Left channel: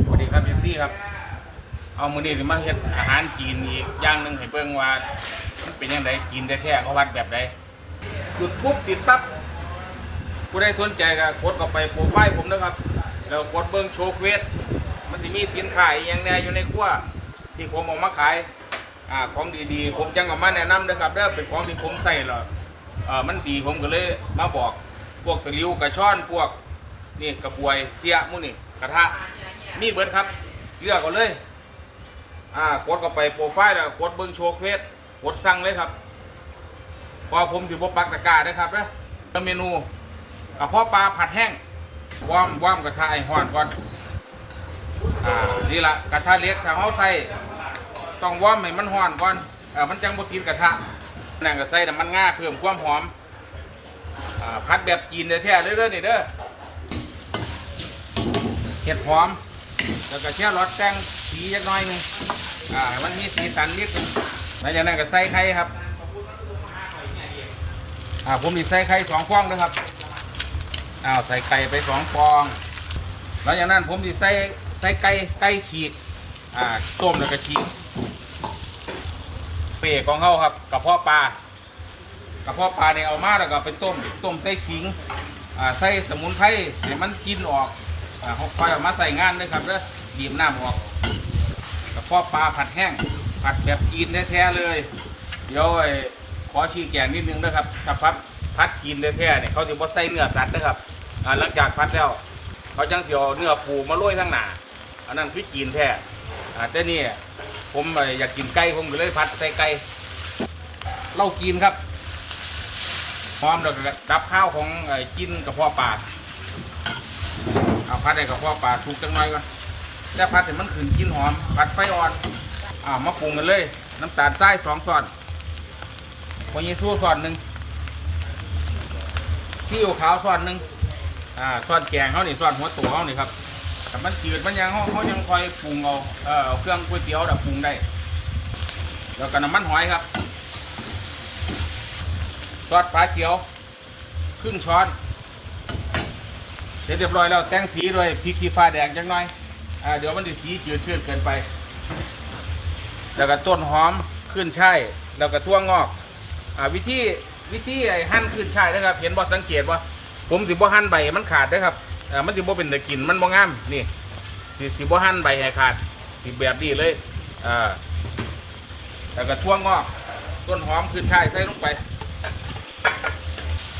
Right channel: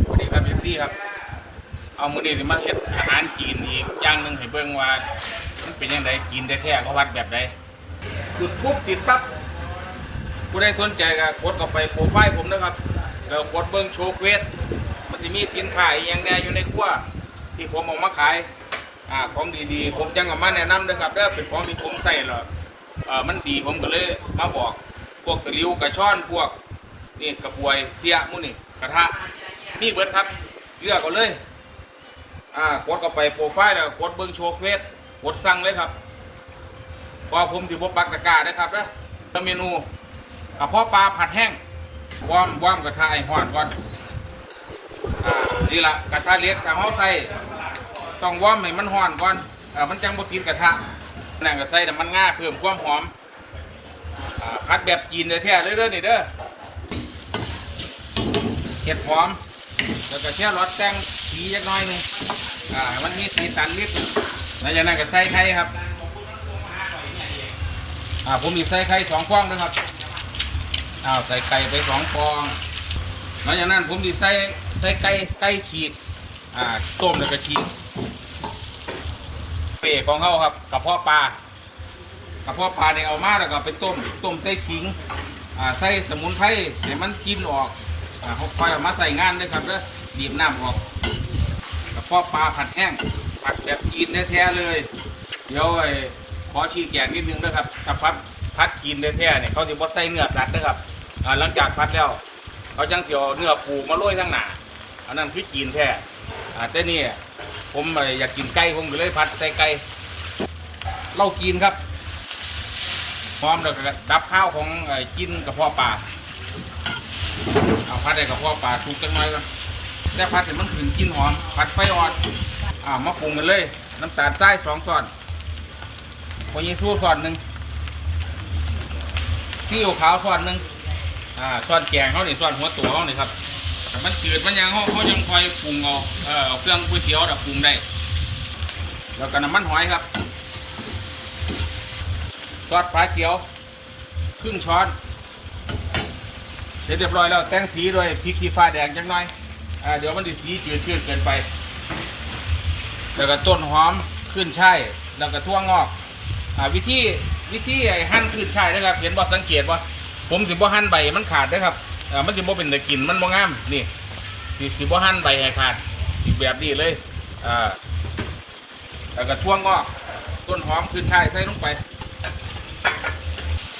สวัสดีครับพี่ซี่ครับ เอามือนี้สิมาเฮ็ดอาหารจีนอีกอย่างหนึ่งให้เบิ่งว่ามันเป็นยังไงจีนแท้ๆเขาวัดแบบใดจุดปุ๊บติดปั๊บผู้ใดสนใจก็กดเข้าไปโปรไฟล์ผมนะครับ แล้วกดเบิ่งโชว์เควสมันจะมีสินค้าอย่างแน่อยู่ในครัวที่ผมเออกมาขายอ่าของดีๆ ผมจังเออกมาแนะนำนะครับเด้อเป็นของที่ผมใส่แล้วเอ่อมันดีผมก็เลยมาบอก พวกตะลิวกระช่อนพวกนี่กระบวยเสียมุนี่กระทะ มีเบิดครับ เลือกเอาเลย อ่ากดเข้าไปโปรไฟล์แล้วกดเบิ้งโชว์เควสกดสั่งเลยครับพอผมถือบปักตะกร้านะครับนะเมนูกระเพาะปลาผัดแห้งวอมวอร์มกระทะไอ้ห้อนก่อนอ่านี่ละกระทะเล็กถ้าเฮาใส่ต้องวอร์มให้มันห้อนก่อนเออมันจังบ่ติดกระทะนั่นก็ใส่น้ำมันง่าเพิ่มความหอมอ่าผัดแบบจีนแท้ๆเลยเด้อนี่เด้อเห็ดหอม แล้วก็แช่รสแจ้งสีจักหน่อยนึงอ่ามันมีสีสันนิดหนึ่งแล้วจากนั้นก็ใส่ไข่ครับอ่าผมมีใส่ไข่สองฟองนะครับอ้าวใส่ไก่ไปสองฟองแล้วจากนั้นผมมีใส่ใส่ไก่ไก่ขีดอ่าต้มแล้วก็ขีดเปรย์ของเขาครับกระเพาะปลากระเพาะปลาเนี่ยเอามาแล้วก็ไปต้มต้มใส่ขิงอ่าใส่สมุนไพรให้มันกินออก อ่าเขาคอยเอามาใส่งานเลยครับเด้อบีบน้ำออกกระเพาะปลาผัดแห้ง ผัดแบบกินแท้ๆเลย เดี๋ยวไอ้ขอชี้แจงนิดนึงนะครับถ้าพัดพัดกินแท้ๆเนี่ยเขาจะบ่ใส่เนื้อสัตว์นะครับอ่าหลังจากพัดแล้ว เขาจังเสียวเนื้อปูมาโรยทั้งหนาอันนั้นคือกินแท้อ่าแต่นี่ผมเอ่ออยากกินไก่ผมก็เลยพัดใส่ไก่เรากินครับ พร้อมแล้วก็กับข้าวของไอ้กินกระเพาะปลา เอาพัดให้กับพ่อปลาทุกจังเลยก่อนแล้วพัดให้มันขึ้นกินหอมผัดไฟอ่อนอ่ามาปรุงกันเลย น้ำตาลทรายสองส่วนโคยิสู้ส่วนหนึ่งที่อยู่ขาวส่วนหนึ่งอ่าส่วนแกงเขานี่ส่วนหัวตัวเขานี่ครับแต่มันจืดมันยังเขาเขายังคอยปรุงเอาเออเอาเครื่องก๋วยเตี๋ยวดับปรุงได้ แล้วก็น้ำมันหอยครับซอสปลาเขียว ครึ่งช้อน เสร็จเรียบร้อยแล้วแต่งสีด้วยพริกขี้ฟ้าแดงจังหน่อยอ่าเดี๋ยวมันจะสีจืดชืดเกินไป แล้วก็ต้นหอมขึ้นช่ายแล้วก็ทั่วงอกอ่าวิธีวิธีไอ้หั่นขึ้นช่ายนะครับ เห็นบ่สังเกตว่าผมสิบ่หั่นใบมันขาดนะครับอ่ามันสิบ่เป็นเนื้อกินมันบ่งามนี่สิสิบ่หั่นใบให้ขาดสิแบบนี้เลยอ่าแล้วก็ทั่วงอก ต้นหอมขึ้นช่ายใส่ลงไป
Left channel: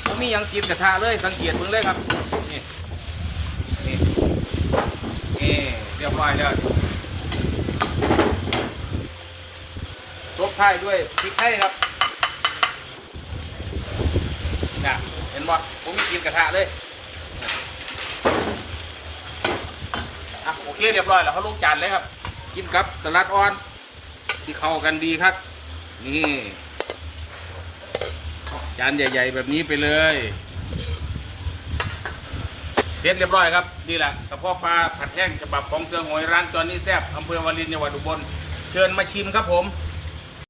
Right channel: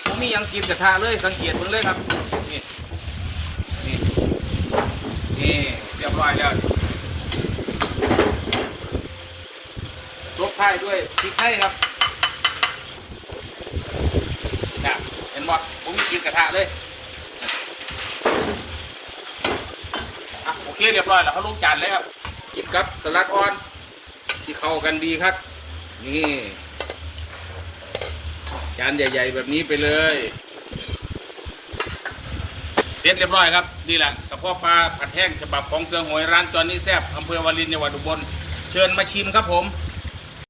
ผมมียังกินกระทะเลยสังเกตมึงเลยครับนี่ นี่เรียบร้อยแล้วลบท้ายด้วยพริกไทยครับนะเห็นบ่ผมมีกินกระทะเลยอะโอเคเรียบร้อยแล้วเขาลงจานเลยครับกินครับสลัดอ่อนที่เข้ากันดีครับ นี่จานใหญ่ ๆ แบบนี้ไปเลย เสร็จเรียบร้อยครับนี่แหละกระเพาะปลาผัดแห้งฉบับของเสือหวยร้านจอนนี่แซบอำเภอวารินจังหวัดอุบลเชิญมาชิมครับผม